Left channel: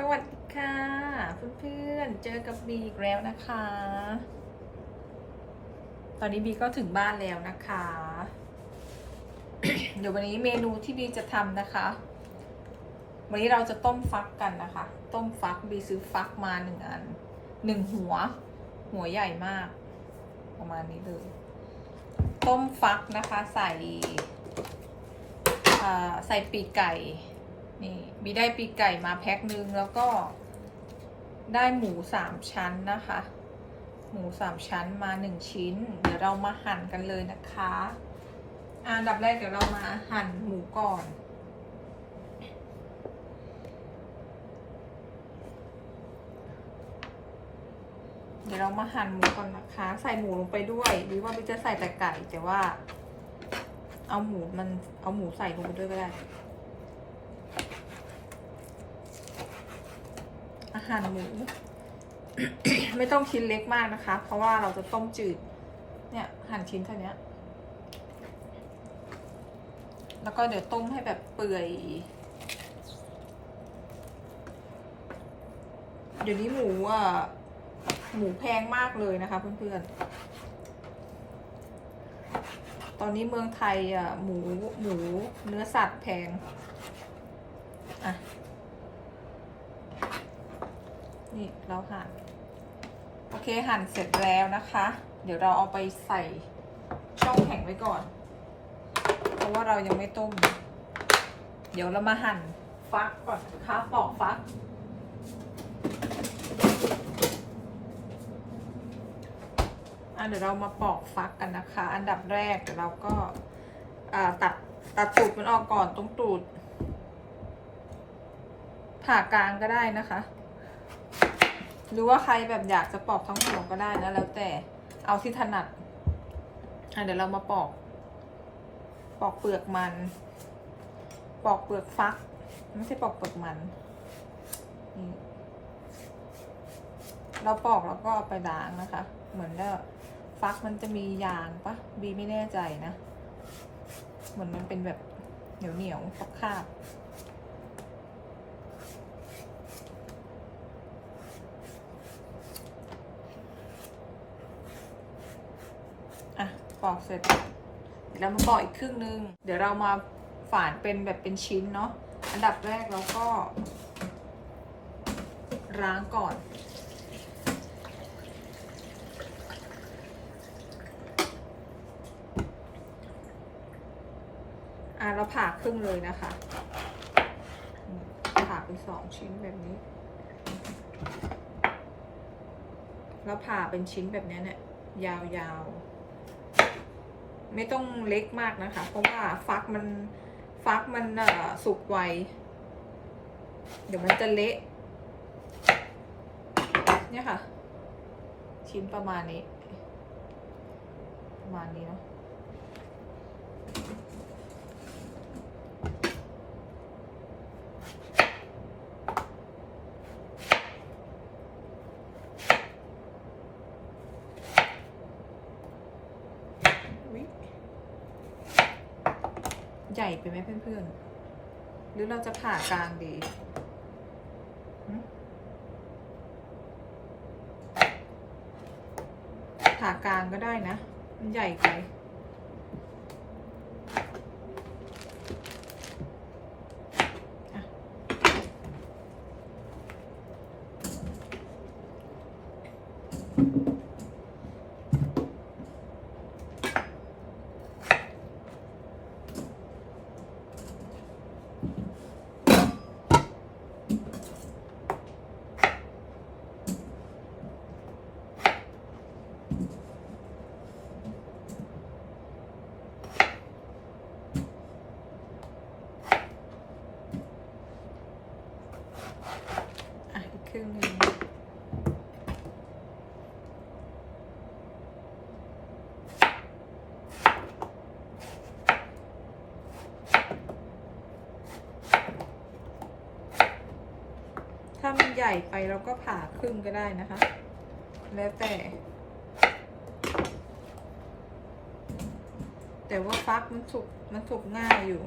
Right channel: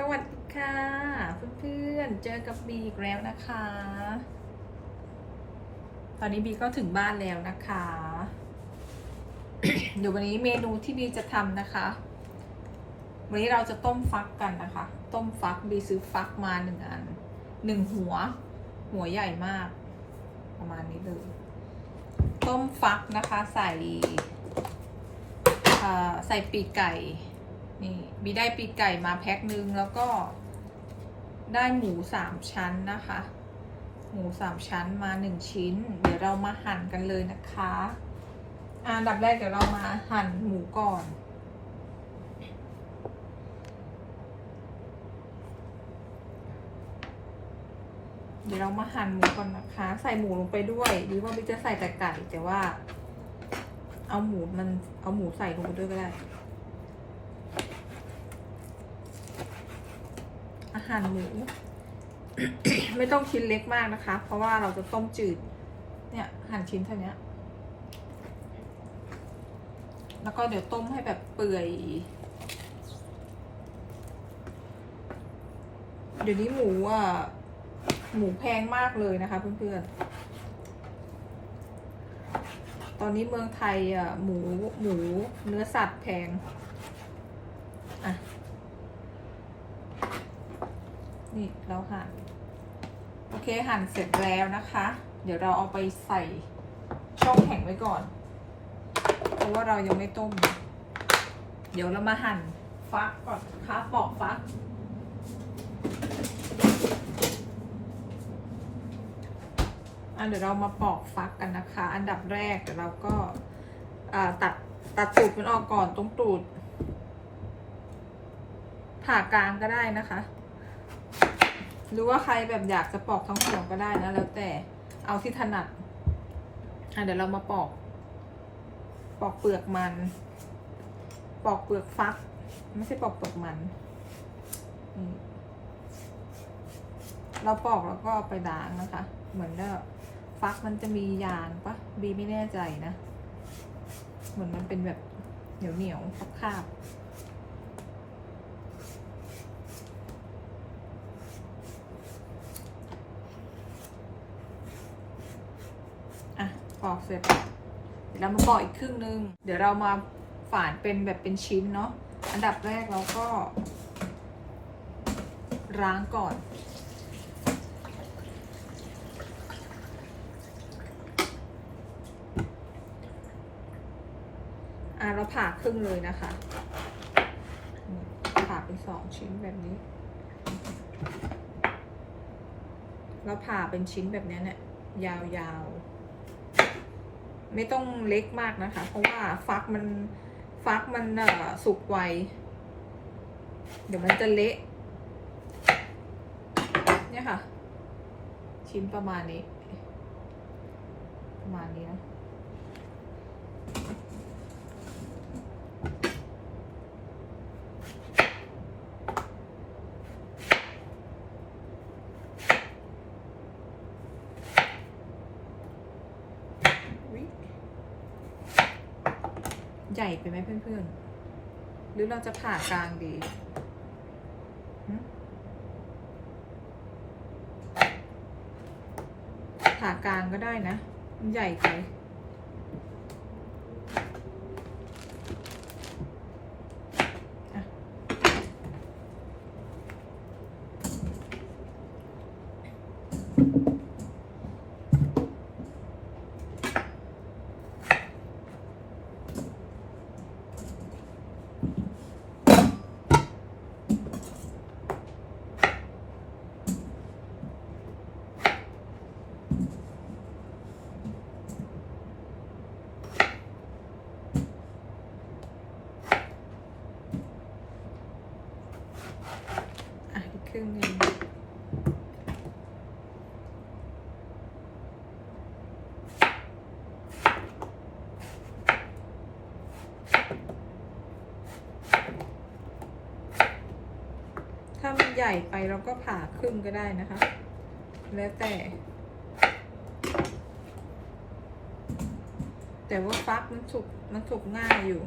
สวัสดีค่ะ เพื่อนๆเจอกับบีอีกแล้วนะคะ ตอนนี้บีก็ถึงบ้านแล้วนะคะ เดี๋ยววันนี้เมนูที่บีจะทำนะคะ วันนี้เราจะต้มฟักกันนะคะ ต้มฟักบีซื้อฟักมาหนึ่งอันหนึ่งหัว หัวใหญ่มาก ประมาณนี้เลย ต้มฟักนะคะ ใส่ใส่ปีกไก่ นี่บีได้ปีกไก่มาแพ็คนึงแล้วก็ได้หมูสามชั้นนะคะ หมูสามชั้นมาหนึ่งชิ้น เดี๋ยวเรามาหั่นกันเลยนะคะอะอันดับแรกเดี๋ยวเรามาหั่นหมูก่อนเดี๋ยวเรามาหั่นหมูก่อนนะคะ ใส่หมูลงไปด้วยบีว่าบีจะใส่แต่ไก่แต่ว่า เอาหมูมันเอาหมูใส่ลงไปด้วยก็ได้ อา หารหมู ไม่ต้องชิ้นเล็กมากนะคะ เพราะว่าเราจะต้มจืด เนี่ยหั่นชิ้นเท่านี้แล้วก็เดี๋ยวต้มให้แบบเปื่อย เดี๋ยวนี้หมูอะหมูแพงมากเลยนะคะเพื่อนๆ ตอนนี้เมืองไทยอะหมูหมูเนื้อสัตว์แพง อะ นี่เราหั่น โอเคหั่นเสร็จแล้วนะคะ เดี๋ยวเราเอาไปใส่ช่องแข็งไว้ก่อน เพราะว่าเรายังไม่ต้ม เดี๋ยวเรามาหั่นฟักก่อนนะคะปอกฟัก อะเดี๋ยวเรามาปอกฟักกันนะคะ อันดับแรกเราก็ตัดตัดตูดมันออกก่อนตรงตูดผ่ากลางก็ได้นะคะ หรือว่าใครแบบอยากจะปอกทั้งหัวก็ได้นะแล้วแต่เอาที่ถนัดอะเดี๋ยวเรามาปอก ปอกเปลือกมัน ปอกเปลือกฟัก ไม่ใช่ปอกเปลือกมัน เราปอกแล้วก็เอาไปล้างนะคะ เหมือนว่าฟักมันจะมียางปะบีไม่แน่ใจนะ เหมือนมันเป็นแบบเหนียวเหนียวๆคาบๆ อะปอกเสร็จเดี๋ยวเรามาปอกอีกครึ่งนึง เดี๋ยวเรามาฝานเป็นแบบเป็นชิ้นเนาะอันดับแรกเราก็ ล้างก่อน อะเราผ่าครึ่งเลยนะคะผ่าเป็นสองชิ้นแบบนี้ แล้วผ่าเป็นชิ้นแบบนี้เนี่ยยาวๆ ไม่ต้องเล็กมากนะคะ เพราะว่าฟักมันฟักมันอ่อสุกไว เดี๋ยวมันจะเละเนี่ยค่ะ ชิ้นประมาณนี้ ประมาณนี้นะ ญ่ไปไหมเพื่อนๆ หรือเราจะผ่ากลางดี ผ่ากลางก็ได้นะ มันใหญ่ไป อะ อะอีกครึ่งหนึงถ้ามัน ใหญ่ไปเราก็ผ่าครึ่งก็ได้นะคะ แล้วแต่ แต่ว่าฟักมันสุกมันสุกง่ายอยู่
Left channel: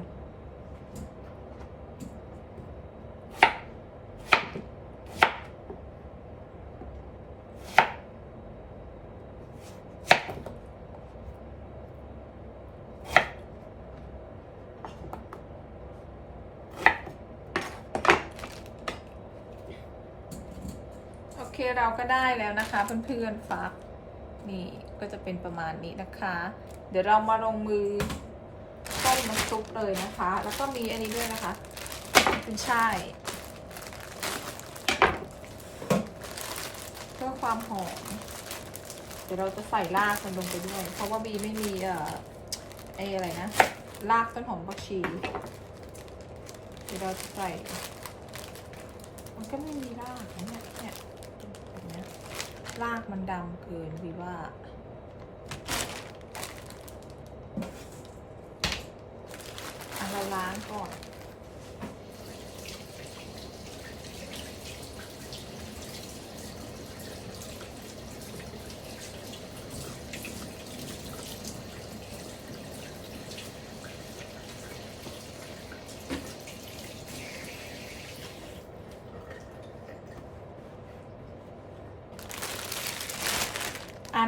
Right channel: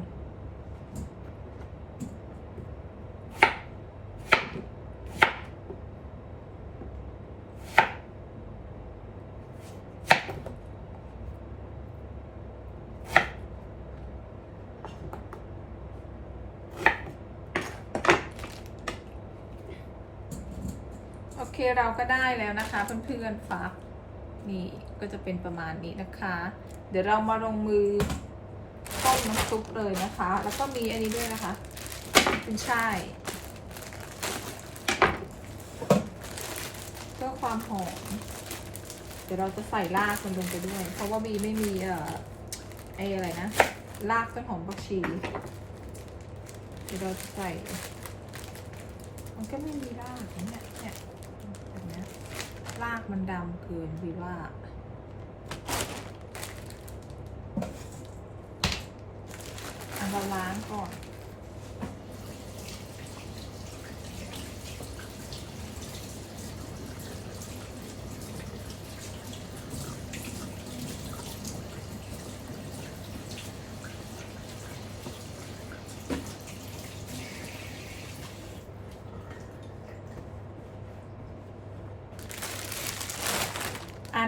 เรา ก็ได้แล้วนะคะ เพื่อนๆฟักนี่ก็จะเป็นประมาณนี้นะคะ เดี๋ยวเรามาลงมือต้มน้ำซุปเลยนะคะ แล้วก็มีอันนี้ด้วยนะคะเป็นช่ายเพื่อความหอมเดี๋ยวเราจะใส่รากมันลงไปด้วย เพราะว่าบีไม่มีเอ่อไอ้อะไรนะรากต้นหอมผักชีเดี๋ยวเราจะใส่ มันก็ไม่มีรากเนี่ยเนี่ยแบบเนี้ย รากมันดำเกินบีว่าอะเราล้างก่อน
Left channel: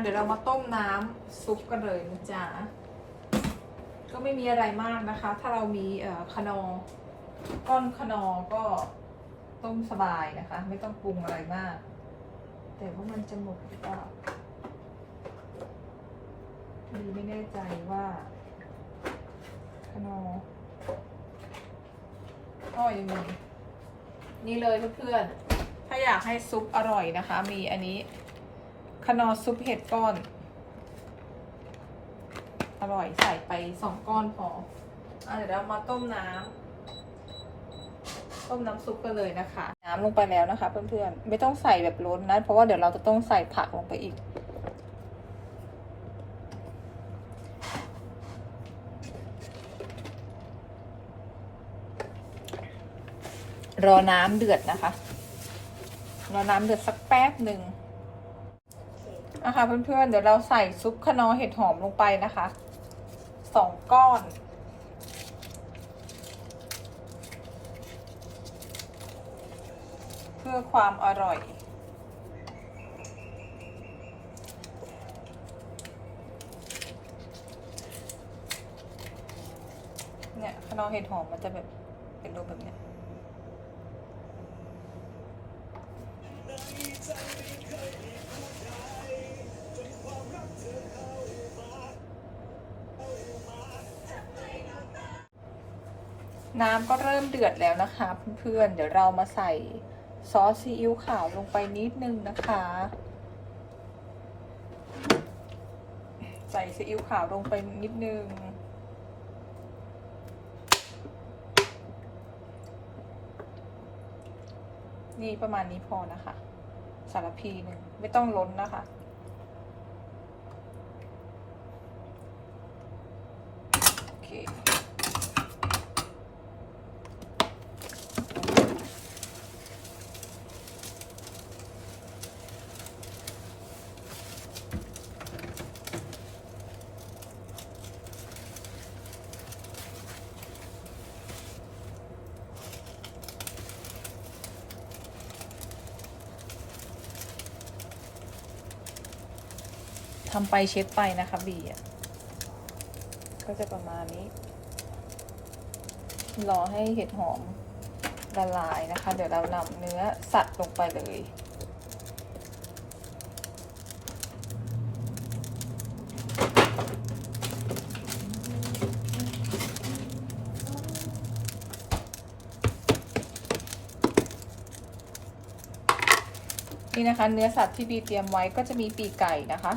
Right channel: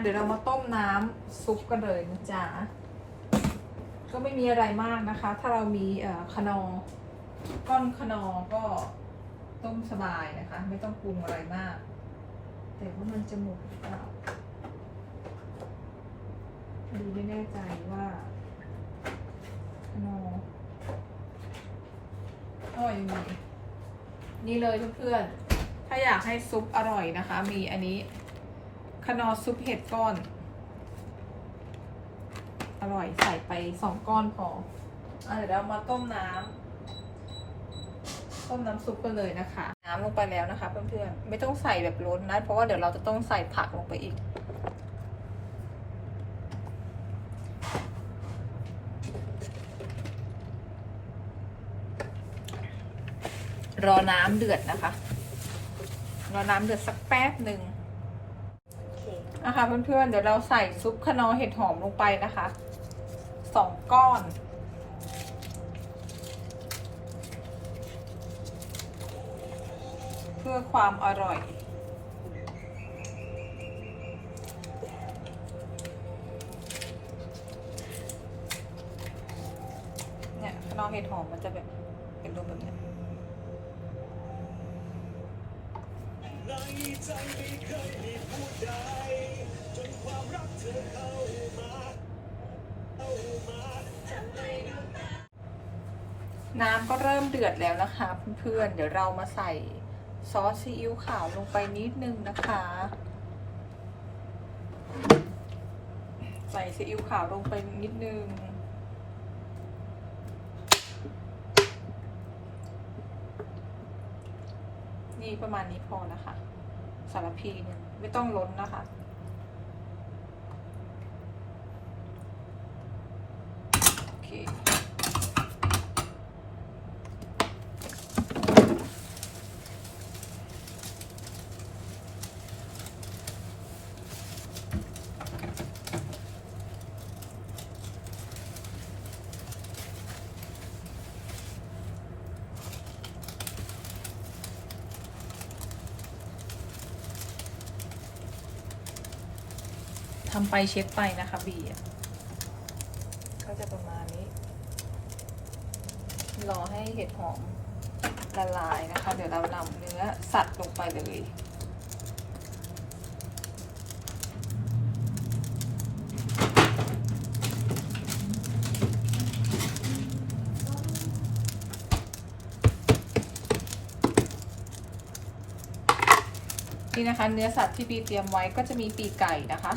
เดี๋ยวเรามาต้มน้ำซุปกันเลยนะจ๊ะ ก็ไม่มีอะไรมากนะคะ ถ้าเรามีเอ่อขนอก้อนขนอก็ต้มสบายนะคะ ไม่ต้องปรุงอะไรมาก แต่ว่ามันจะหมดหรือเปล่าดีไม่แน่ใจว่าขนอก็ยังมีนี่เลยเพื่อนๆ ถ้าอยากให้ซุปอร่อยนะคะ มีอันนี้ นอซุปเห็ดก้อน อร่อยใส่ไปสองก้อนพอเอาเดี๋ยวเรามาต้มน้ำต้มน้ำซุปกันเลยนะคะ น้ำลงไปแล้วนะคะเพื่อนๆไม่ต้องใส่แบบล้นนะ เพราะว่าเดี๋ยวเราจะต้องใส่ผักลงไปอีกรอน้ำเดือดนะคะ รอน้ำเดือดสักแป๊บหนึ่ง นะคะเพื่อนๆ เดี๋ยวเราใส่ซุปขนอเห็ดหอมลงไปนะคะสองก้อน เพื่อความอร่อยเนี่ยขนอเห็ดหอมมันจะแบบ น้ำก็เริ่มเดือดแล้วนะคะเพื่อนๆ เดี๋ยวเรามาใส่ซอสซีอิ๊วขาวลงไปนิดนึงนะคะ ใส่ซีอิ๊วขาวลงไปนิดนึง นี่ประมาณนี้พอนะคะ สารพีไม่ต้องล้นนะคะ โอเค ทำไปเช็คไปนะคะบีอะก็จะประมาณนี้ รอให้เห็ดหอมละลายนะคะ เดี๋ยวเรานำเนื้อสัตว์ลงไปเลยนี่นะคะเนื้อสัตว์ที่บีเตรียมไว้ก็จะมีปีกไก่นะคะ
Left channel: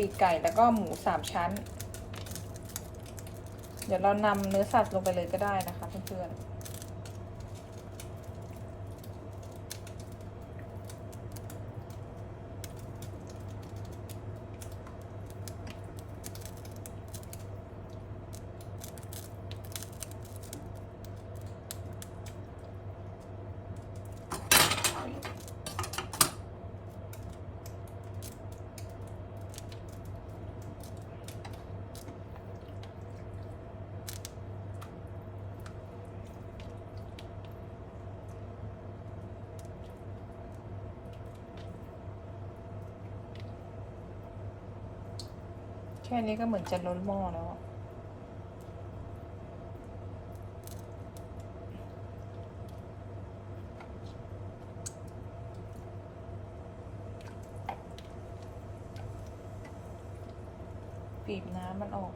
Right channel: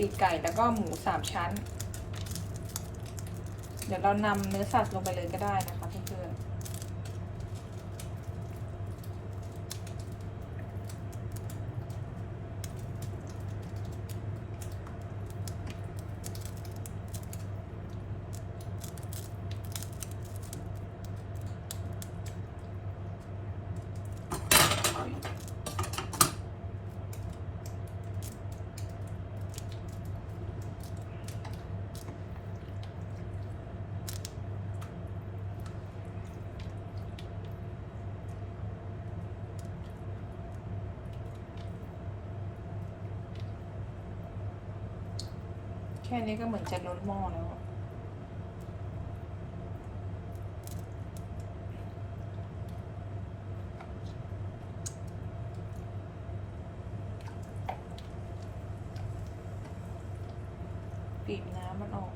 ปีกไก่แล้วก็หมูสามชั้น เดี๋ยวเรานำเนื้อสัตว์ลงไปเลยก็ได้นะคะเพื่อนๆ ค่นี้ก็เหมือนจะล้นหม้อแล้ว ปีบน้ำมันออก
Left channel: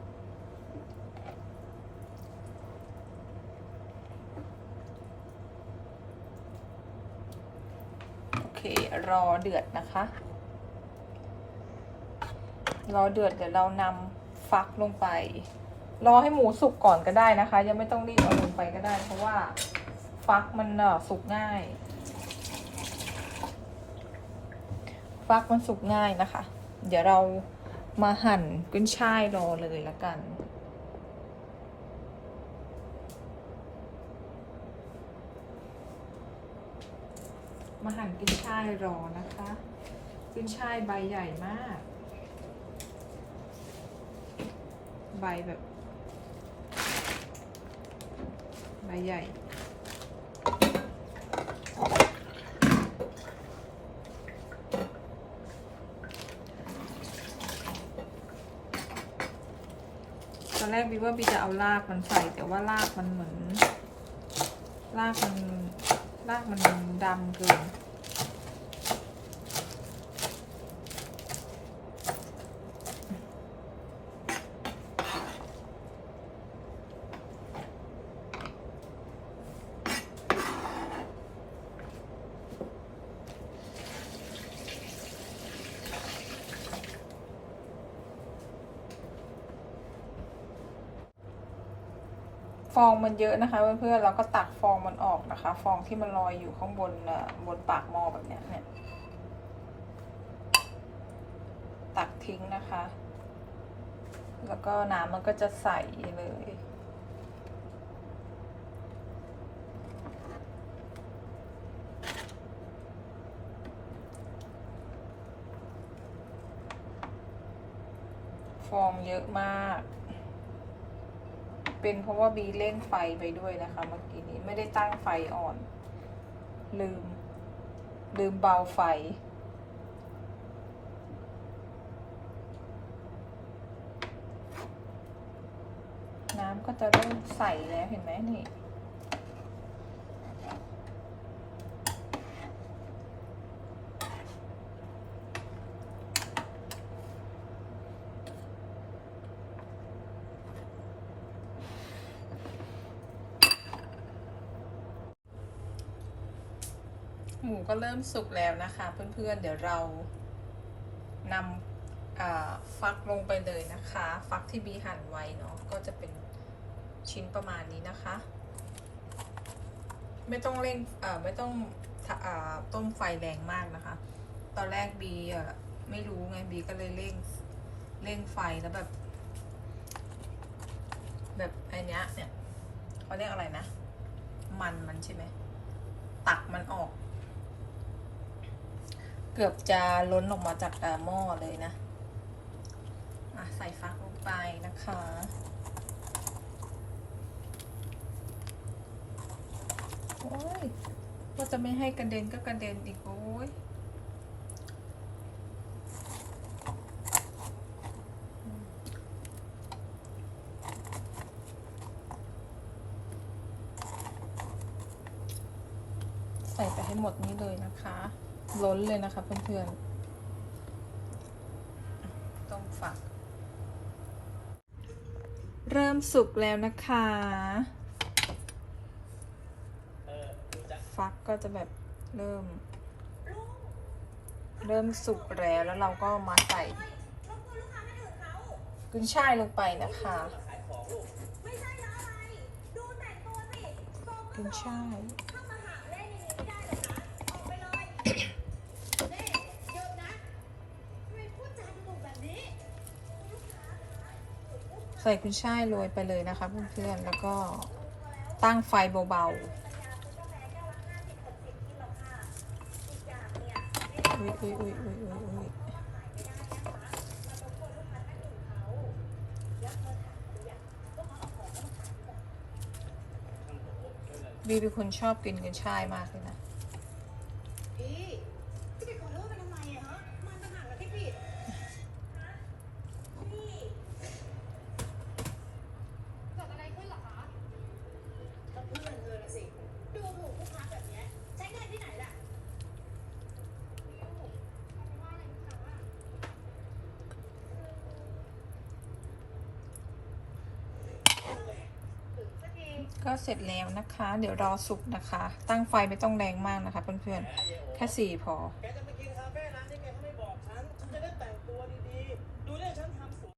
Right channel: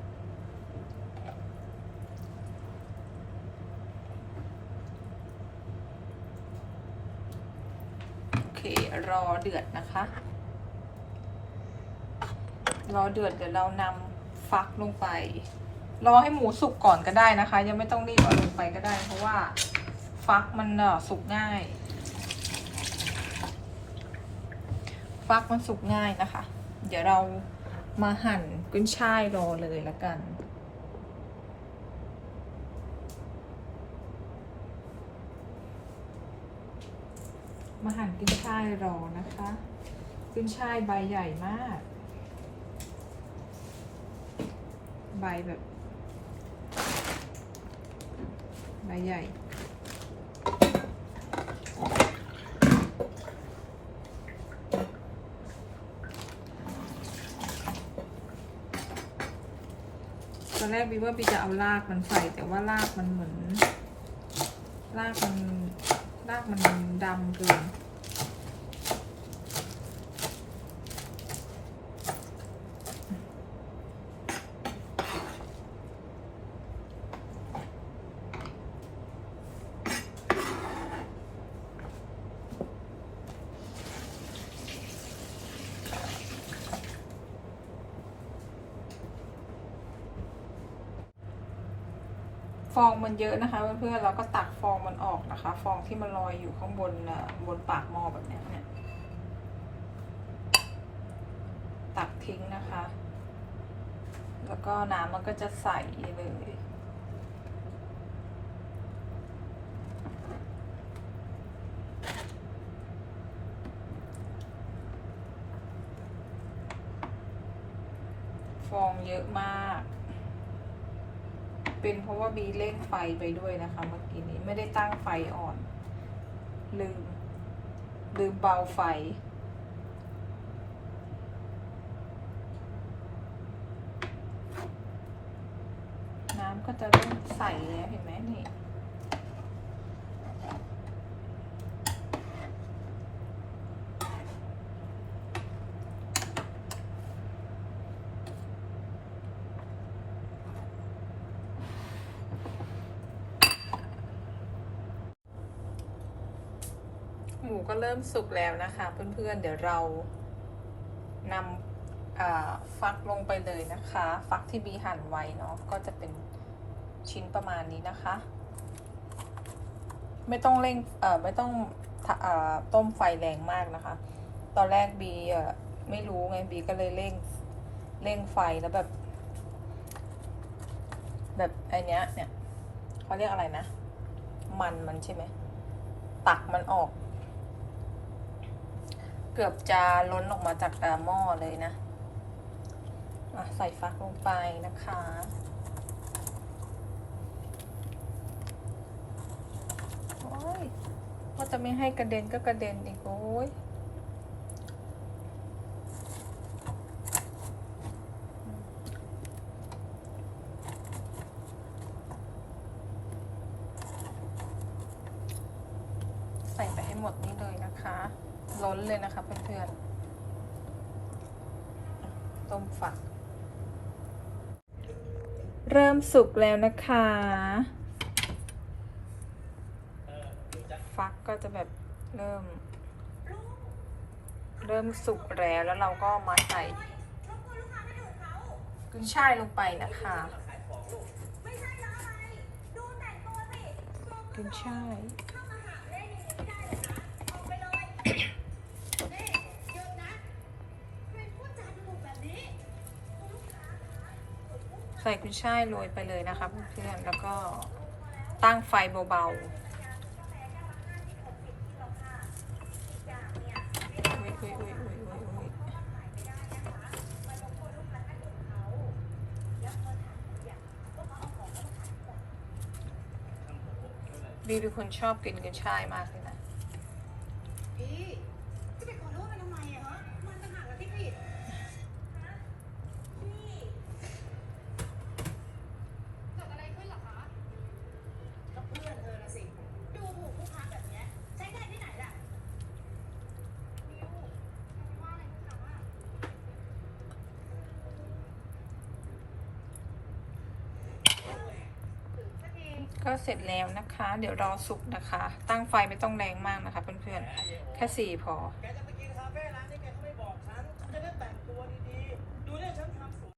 โอเครอเดือดนะคะ รอเดือดเดี๋ยวเรานำฟักลงไป รอให้หมูสุกก่อนก็ได้นะคะ ยังไม่ต้องรีบเอาลงไปก็ได้ เพราะว่าฟักมันเอ่อสุกง่าย ฟักมันสุกง่ายนะคะ เดี๋ยวเรามาหั่นกุ้ยช่ายรอเลยละกันมาหั่นกุ้ยช่ายรอนะคะ กุ้ยช่ายใบใหญ่มาก ใบแบบ ใบใหญ่ตอนแรกบีว่าบีจะเอารากมันใส่ แต่ว่ารากมันเหมือน รากมันรากมันดำเกิน ฟองมันเยอะนะคะเพื่อนๆเราก็ตักฟองมันออกนะคะ ฟองที่มันลอยอยู่ข้างบนบนปากหม้อแบบนี้เนี่ยตักทิ้งนะคะ แล้วก็น้ำมันก็จะใสเลยฟองเยอะมาก เป็นเพราะว่าบีเล่นไฟไปด้วยนะคะเมื่อกี้นี้ไม่ได้ตั้งไฟอ่อน ลืม ลืมเบาไฟ น้ำก็จะเริ่มใสแล้วเห็นไหมนี่ หมูก็เริ่มสุกแล้วนะคะเพื่อนๆ เดี๋ยวเรานำฟักลงไปเลยนะคะ ฟักที่บีหั่นไว้เนาะก็จะเป็นชิ้นประมาณนี้นะคะ ไม่ต้องเร่งไม่ต้องอต้มไฟแรงมากนะคะ ตอนแรกบีไม่รู้ไงบีก็เลยเร่งเร่งไฟแล้วแบบ แบบไอเนี้ยเนี่ยเขาเรียกอะไรนะ มันมันใช่ไหมตักมันออก เกือบจะล้นออกมาจากอ่าหม้อเลยนะอะใส่ฟักลงไปนะคะ โอ้ยว่าจะไม่ให้กระเด็นก็กระเด็นอีกโอ้ยใส่ไปให้หมดนี้เลยนะคะ ล้นเลยนะคะเพื่อนๆ ต้มฝัก เริ่มสุกแล้วนะคะ ฟักก็จะแบบเริ่ม เริ่มสุกแล้วแล้วเราก็มาใส่กุนช่ายลงไปนะคะกุนช่าย ใส่กุ้ยช่ายโรยไปเลยนะคะเพื่อนๆแล้วก็ตั้งไฟเบาๆอุ้ยอุ้ยอุ้ยอุ้ยอุ้ยอุ้ยบีเป็นคนชอบกินกุ้ยช่ายมากเลยนะ พี่จะไปขอโทษไปทำไมอะฮะ มันต่างหากที่ผิดเกิดอะไรขึ้นเหรอคะก็เพื่อนเธอน่ะสิ ดูถูกลูกค้าแบบเนี้ยใช้เงินที่ไหนล่ะบิวทำไมว่าอะไรลูกค้าอะ ก็เสร็จแล้วนะคะ เดี๋ยวรอสุกนะคะ ตั้งไฟไม่ต้องแรงมากนะคะเพื่อนๆ แค่สี่พอ